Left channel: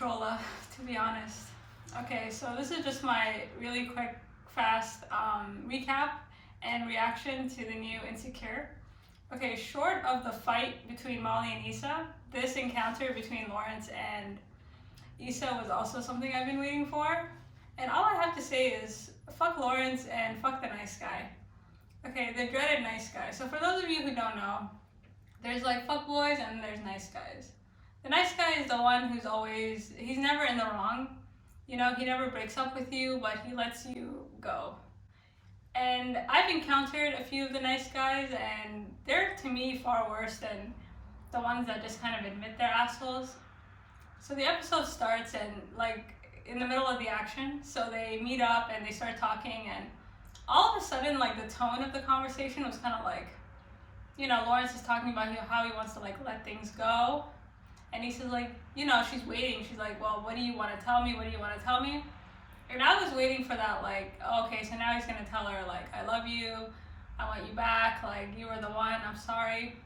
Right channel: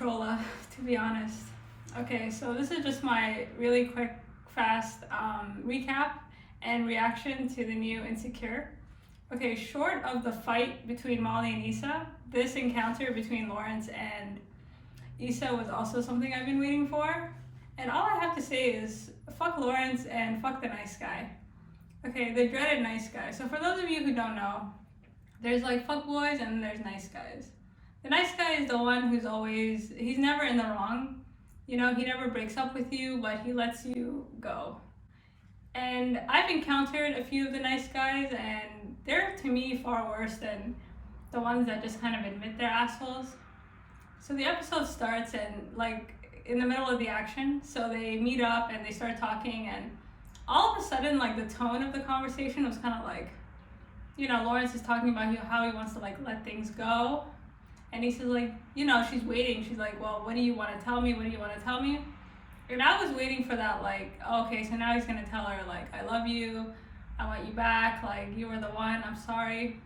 Controlla, to be honest. Okay, so this is just my really quick, fast recap and reaction to the new Insecure. Okay, short of the fight between Molly and Issa, this encounter between Lawrence and Issa was also something I've been waiting for. And all I have to say is fuck Lawrence and fuck the nice guy. Okay, the dreaded nice guy. So for those of you who don't know, there's like fuck boys and there's nice guys. The nice guy is the one who's always, he's never in the wrong. You know, he never breaks up with you, but he lets you go. And I've encountered a few of the nice guys, and they're to me far worse than the ones that just kind of admit they're assholes. So the episode starts and like in the middle of the action, so they meet up and they start talking, and all of a sudden like the tone of the conversation was kind of like, you know, Lawrence is talking about how he wants to like let things go. And he says like, you know, she's waiting. She's like, well, what do you want to tell me? What do you want to tell me? And I was waiting for that, like, okay, so now he's going to tell her, like, I love you. I want you back. Like, you were the one. I'm sorry.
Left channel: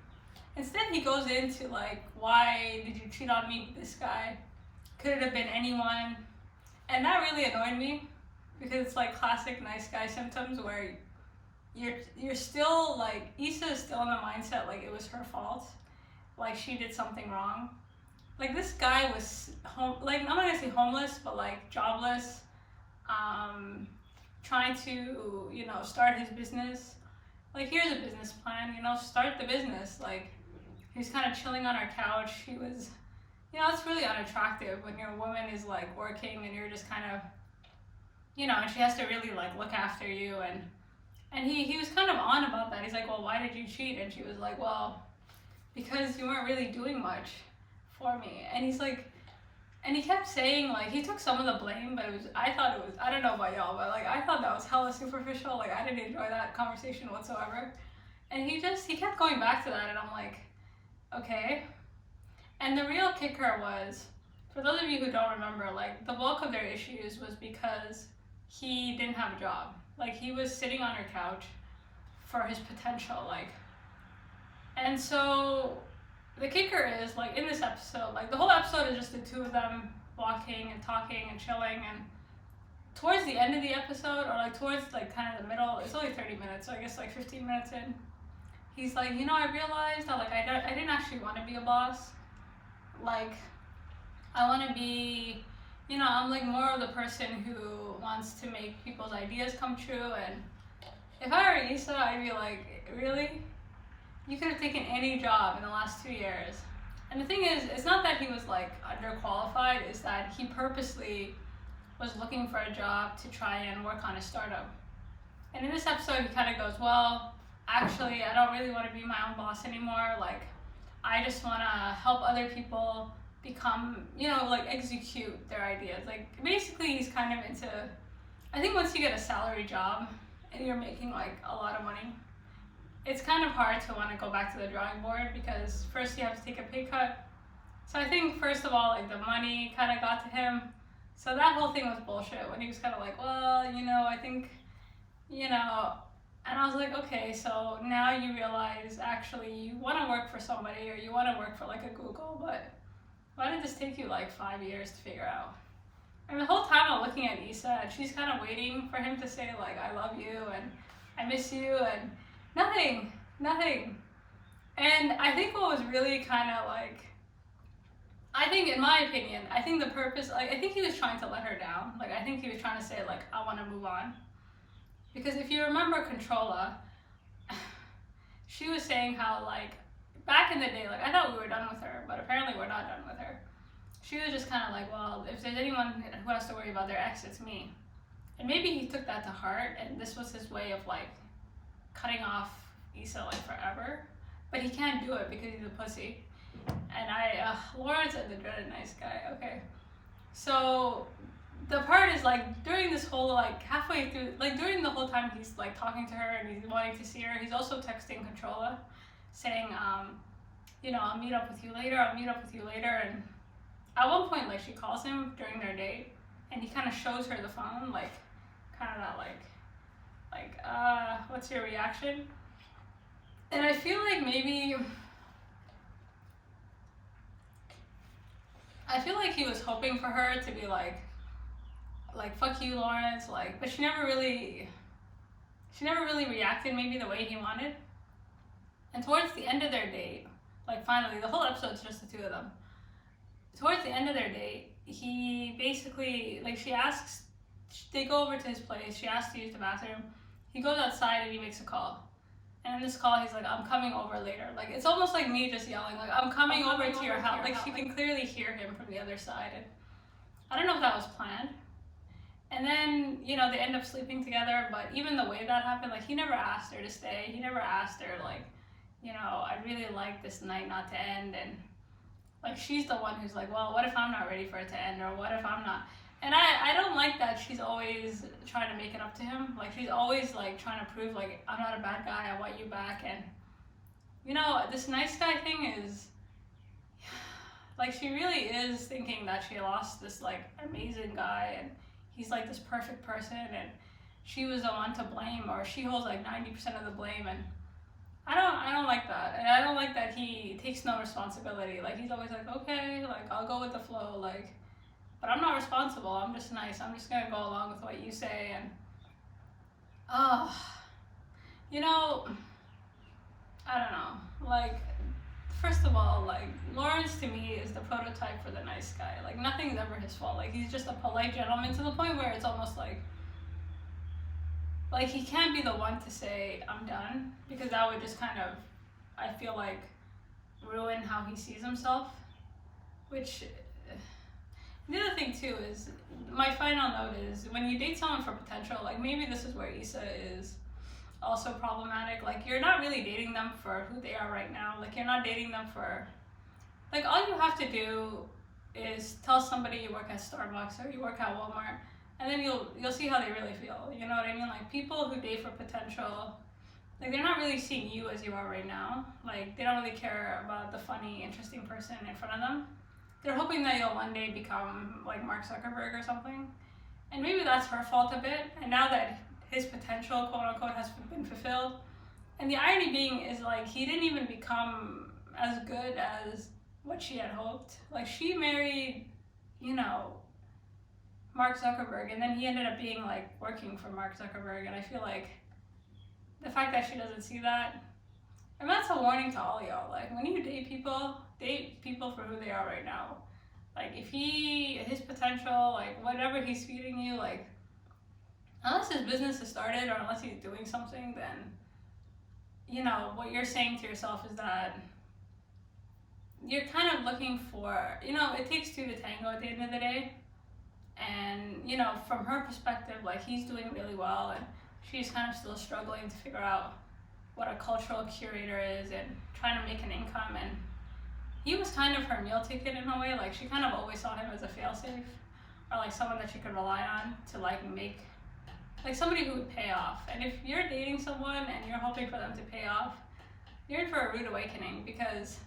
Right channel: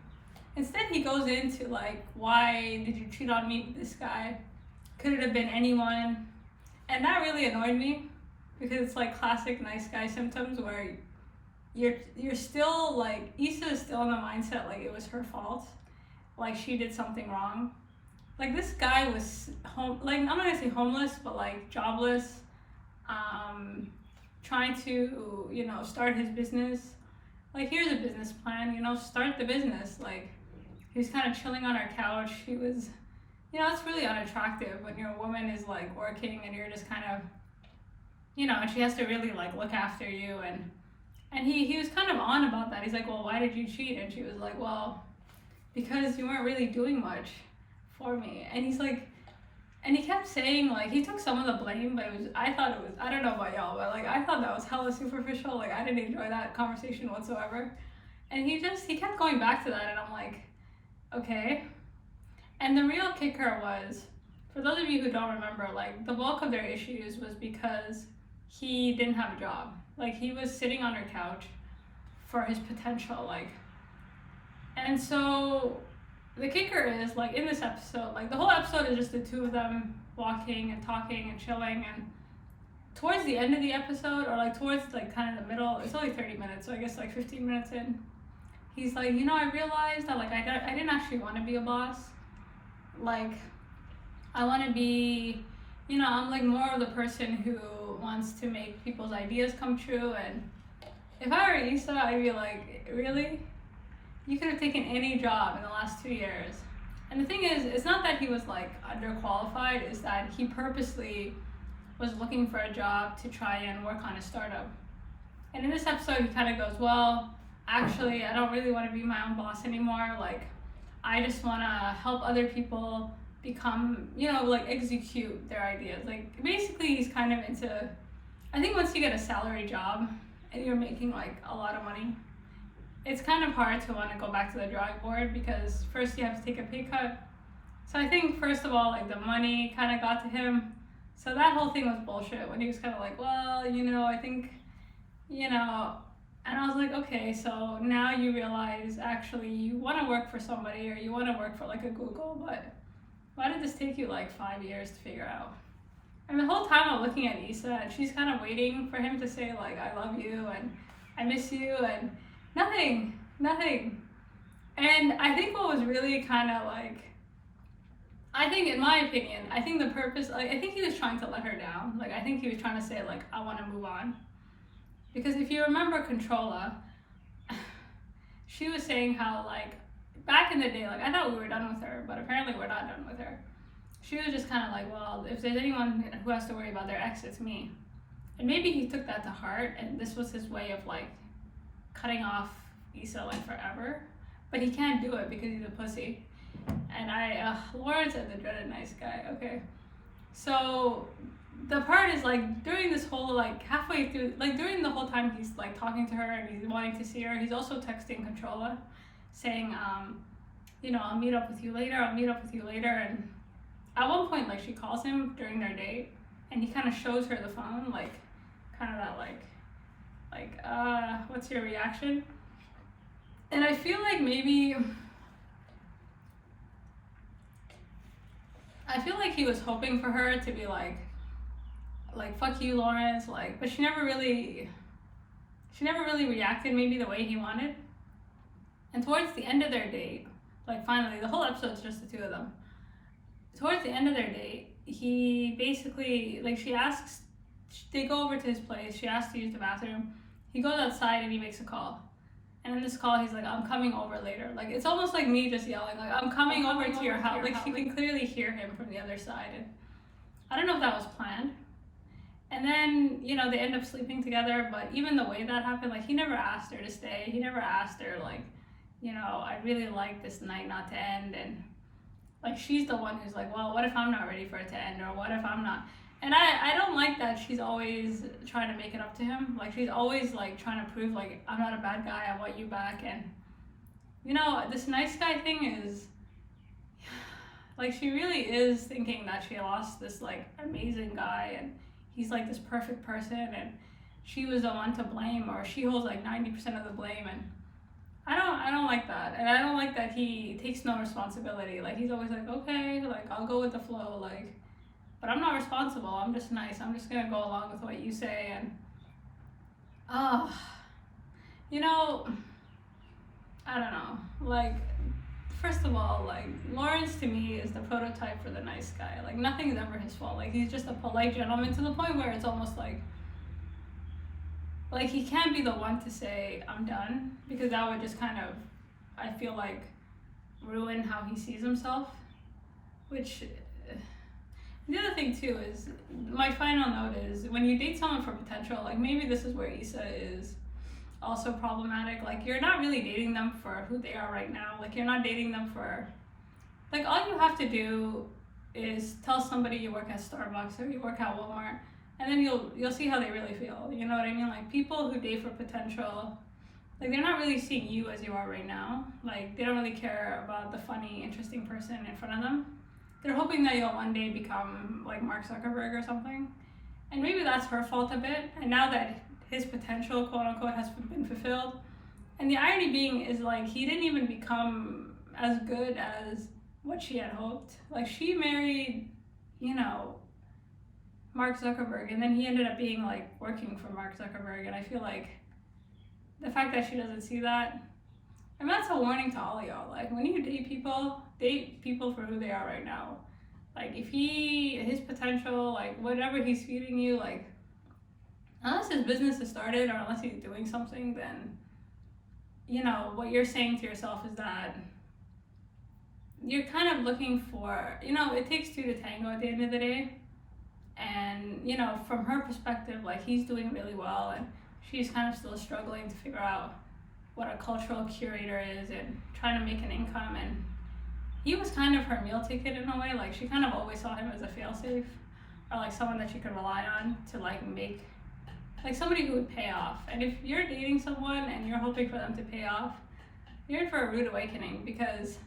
Instead, he goes into, like, why did you cheat on me with this guy? Could it have been anyone? And that really annoyed me because it's, like, classic nice guy symptoms where you're still, like, Issa is still in the mindset, like, it was her fault. Like, she did something wrong. Like, this guy was, like, I'm not gonna say homeless, but, like, jobless, trying to, you know, start his business. Like, here's a business plan, you know, start the business. Like, he was kind of chilling on her couch. He was, you know, it's really unattractive when your woman is, like, working and you're just kind of, you know, and she has to really, like, look after you. And he was kind of on about that. He's like, well, why did you cheat? And she was like, well, because you weren't really doing much for me. And he's like, and he kept saying, like, he took some of the blame, but I don't know about y'all, but like, I thought that was hella superficial. Like, I didn't enjoy that conversation whatsoever. And he kept going back to that, and I'm like, okay. And the real kicker was, for those of you who don't remember, like, the bulk of their issues was because he didn't have a job. Like, he was sitting on her couch for his potential, like, and so the kicker is, like, in this episode, like, the whole episode is just the two of them walking and talking and chilling, and towards the end of the episode, or, like, towards, like, kind of the middle, it's only 30 minutes, so I guess, like, 15 minutes in, he's like, you know, I realized that, like, I didn't actually want to be a boss. Like, I want to be, you know, I'm, like, more of the person who wants to make people's ideas come true, and if I were Issa, I'd be like, really? You could have taken any job in the last 2 years. And the thing is, it's not that he was like underqualified, it's that he purposely was looking for a job to try and work on a startup. And in this episode, he kind of goes, well, actually, I don't really want to be my own boss anymore. Like, I just want to help other people become, you know, like, execute their ideas. Like, basically, he's kind of into, I think once you get a salary job and you're making like a lot of money, it's kind of hard to want to go back to the drawing board because first you have to take a pay cut. So I think first of all, like, the money kind of got to him. So that whole thing was bullshit when he was kind of like, well, you know, I think, you know, and I was like, okay, so now you realize actually you want to work for somebody or you want to work for like a Google, but why did this take you like 5 years to figure out? And the whole time I'm looking at Issa and she's kind of waiting for him to say like, I love you and I miss you, and nothing. And I think what was really kind of like, I think in my opinion, I think the purpose, like, I think he was trying to let her down. Like, I think he was trying to say like, I want to move on. Because if you remember Controlla, she was saying how like, back in the day, like, I thought we were done with her, but apparently we're not done with her. She was just kind of like, well, if there's anyone who has to worry about their ex, it's me. And maybe he took that to heart, and this was his way of like, cutting off Issa like forever, but he can't do it because he's a pussy. And Lawrence and the dreaded nice guy. Okay, so the part is like during this whole like halfway through, like during the whole time he's like talking to her and he's wanting to see her, he's also texting Controlla saying, you know, I'll meet up with you later. And at one point, like, she calls him during their date and he kind of shows her the phone, like, kind of that like, what's your reaction? And I feel like maybe I feel like he was hoping for her to be like fuck you, Lawrence, like, but she never really reacted maybe the way he wanted. And towards the end of their date, like finally, the whole episode's just the two of them. Towards the end of their date, he basically, like, she asks, they go over to his place, she asks to use the bathroom. He goes outside and he makes a call. And in this call, he's like, I'm coming over later. Like, it's almost like me just yelling, like, I'm coming over to your house. Like, she can clearly hear him from the other side. And I don't know if that was planned. And then, you know, they end up sleeping together, but even the way that happened, like, he never asked her to stay. He never asked her, like, you know, I really like this night not to end. And, like, she's the one who's like, well, what if I'm not ready for it to end? Or what if I'm not? And I don't like that she's always trying to make it up to him. Like, she's always, like, trying to prove, like, I'm not a bad guy, I want you back. And, you know, this nice guy thing is, like, she really is thinking that she lost this, like, amazing guy, and he's, like, this perfect person, and she was the one to blame, or she holds, like, 90% of the blame, and I don't like that. And I don't like that he takes no responsibility. Like, he's always like, okay, like, I'll go with the flow, like, but I'm not responsible. I'm just nice. I'm just gonna go along with what you say. And you know, I don't know. Like, first of all, like, Lawrence to me is the prototype for the nice guy. Like, nothing's ever his fault. Like, he's just a polite gentleman to the point where it's almost like he can't be the one to say I'm done, because that would just kind of, I feel like, ruin how he sees himself. Which, the other thing too is, my final note is, when you date someone for potential, like, maybe this is where Issa is also problematic. Like, you're not really dating them for who they are right now. Like, you're not dating them for, like, all you have to do is tell somebody you work at Starbucks or you work at Walmart, and then you'll see how they really feel. You know what I mean? Like, people who date for potential, like, they're not really seeing you as you are right now. Like, they don't really care about the funny, interesting person in front of them. They're hoping that you'll one day become like Mark Zuckerberg or something. And maybe that's her fault a bit. And now that his potential, quote unquote, has been fulfilled, and the irony being is, like, he didn't even become as good as what she had hoped. Like, she married, you know, Mark Zuckerberg, and then he ended up being, like, working for Mark Zuckerberg. And I feel like the fact that she doesn't see that, and that's a warning to all y'all. Like, when you date people for who they are right now. Like, if his potential, like, whatever he's feeding you, like, unless his business is started or unless he's doing something, then, you know, what you're saying to yourself is that you're kind of looking for, you know, it takes two to tango at the end of the day. And, you know, from her perspective, like, he's doing really well, and she's kind of still struggling to figure out what a cultural curator is and trying to make an income. And he was kind of her meal ticket in a way. Like, she kind of always saw him as a failsafe, or like someone that she could rely on to, like, make, like, somebody who would pay off. And if you're dating someone and you're hoping for them to pay off, you're in for a rude awakening, because,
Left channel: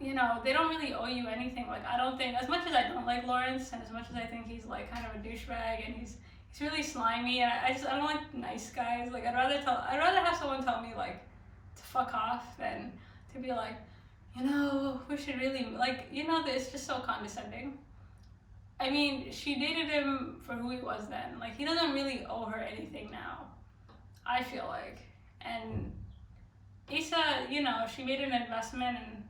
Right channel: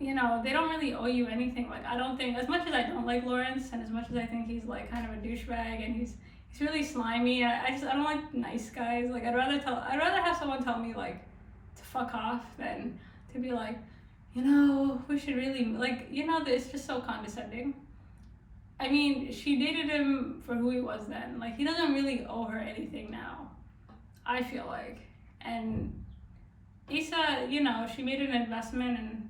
you know, they don't really owe you anything. Like, I don't think, as much as I don't like Lawrence, and as much as I think he's, like, kind of a douchebag, and he's really slimy, and I don't like nice guys. Like, I'd rather have someone tell me, like, to fuck off than to be like, you know, we should really, like, you know, it's just so condescending. I mean, she dated him for who he was then. Like, he doesn't really owe her anything now, I feel like. And Issa, you know, she made an investment, and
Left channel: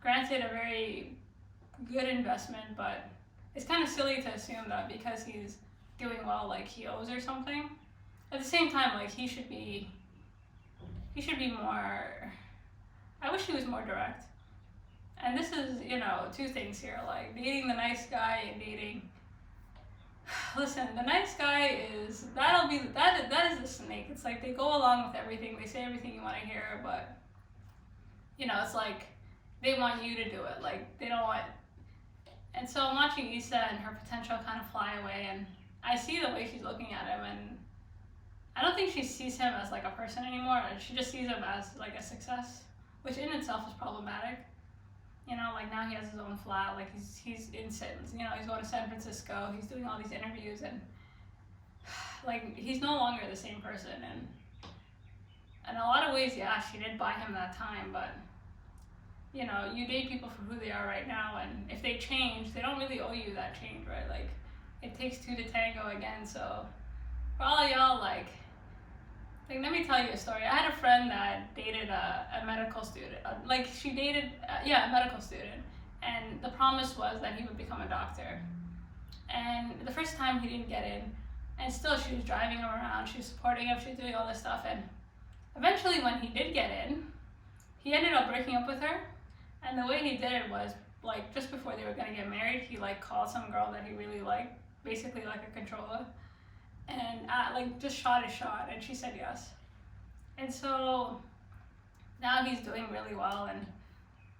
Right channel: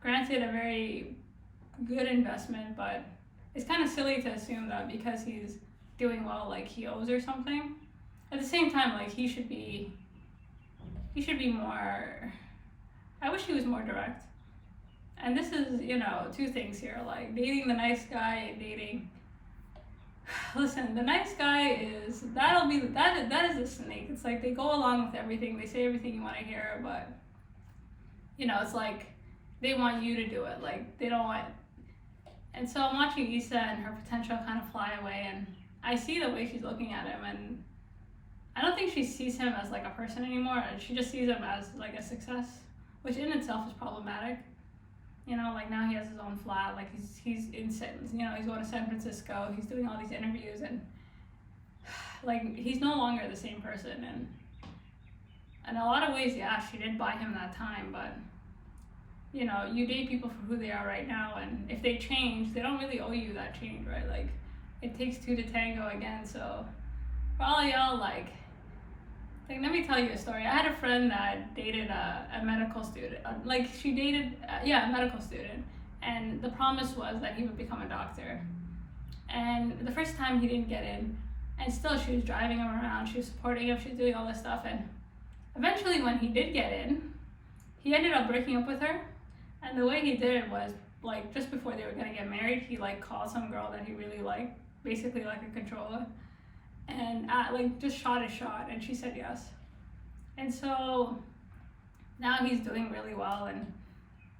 granted, a very good investment, but it's kind of silly to assume that because he's doing well, like, he owes her something. At the same time, like, he should be more, I wish he was more direct. And this is, you know, two things here, like, dating the nice guy and dating, listen, the nice guy is, that is a snake. It's like, they go along with everything, they say everything you want to hear, but, you know, it's like, they want you to do it, like, they don't want, and so I'm watching Issa and her potential kind of fly away, and I see the way she's looking at him, and I don't think she sees him as, like, a person anymore. She just sees him as, like, a success, which in itself is problematic. You know, like, now he has his own flat, like, he's in, you know, he's going to San Francisco, he's doing all these interviews, and, like, he's no longer the same person. And in a lot of ways, yeah, she did buy him that time, but you know, you date people for who they are right now, and if they change, they don't really owe you that change, right? Like, it takes two to tango again. So for all y'all, like let me tell you a story. I had a friend that dated a medical student. Like, she dated, yeah, a medical student, and the promise was that he would become a doctor. And the first time he didn't get in, and still she was driving him around, she was supporting him, she was doing all this stuff, and eventually when he did get in, he ended up breaking up with her. And the way he did it was, like, just before they were gonna get married, he like called some girl that he really liked, basically like a controller, and like just shot his shot, and she said yes. And so now he's doing really well, and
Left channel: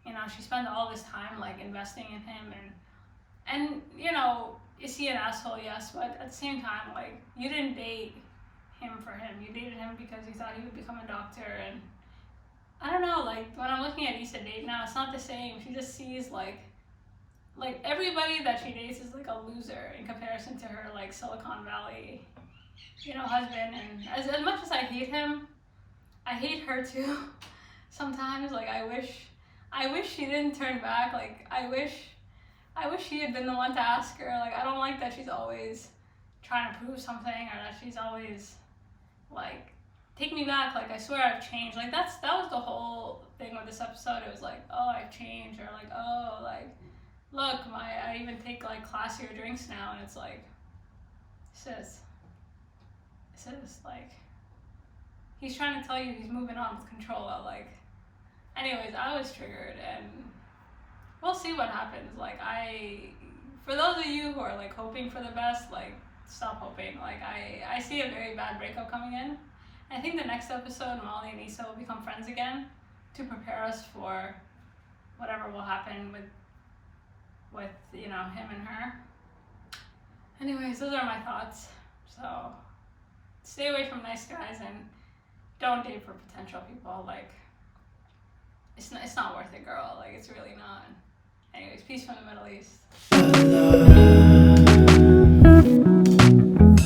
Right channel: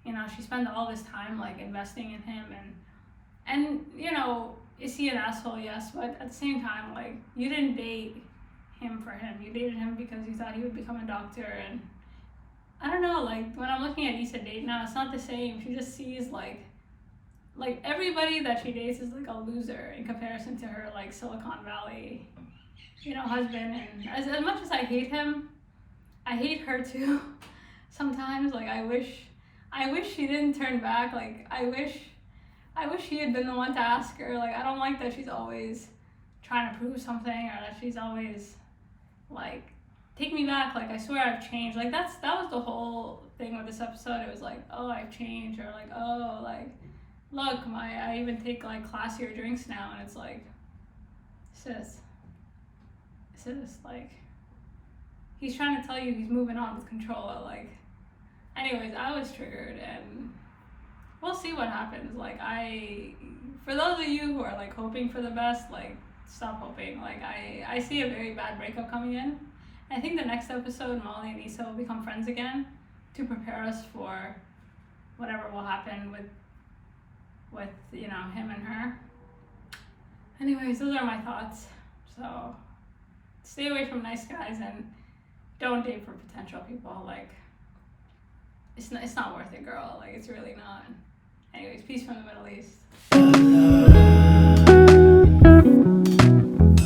you know, she spent all this time like investing in him, and you know, is he an asshole? Yes, but at the same time, like, you didn't date him for him. You dated him because you thought he would become a doctor. And I don't know, like, when I'm looking at Issa date now, it's not the same. She just sees like everybody that she dates is like a loser in comparison to her like Silicon Valley, you know, husband. And as much as I hate him, I hate her too. Sometimes, like, I wish she didn't turn back. Like, I wish he had been the one to ask her. Like, I don't like that she's always trying to prove something, or that she's always like, take me back, like, I swear I've changed. Like, that was the whole thing with this episode. It was like, oh, I've changed, or like, oh, like, look, I even take like classier drinks now. And it's like, sis, like, he's trying to tell you he's moving on with Controlla. Like, anyways, I was triggered, and we'll see what happens. Like, for those of you who are like hoping for the best, like, stop hoping. Like, I see a very bad breakup coming in. I think the next episode, Molly and Issa will become friends again to prepare us for whatever will happen with you know, him and her. Anyways, those are my thoughts. So stay away from nice guys, and don't date for potential people. Like, it's not worth it, girl. Like, it's really not. Anyways, peace from the Middle East.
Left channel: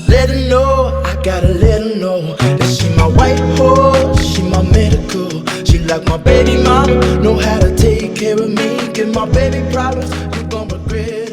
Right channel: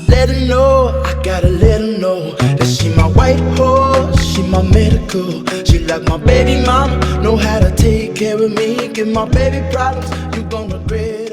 Let her know, I gotta let her know that she my white horse, she my medical. She like my baby mama, know how to take care of me. Give my baby problems, you gon' regret.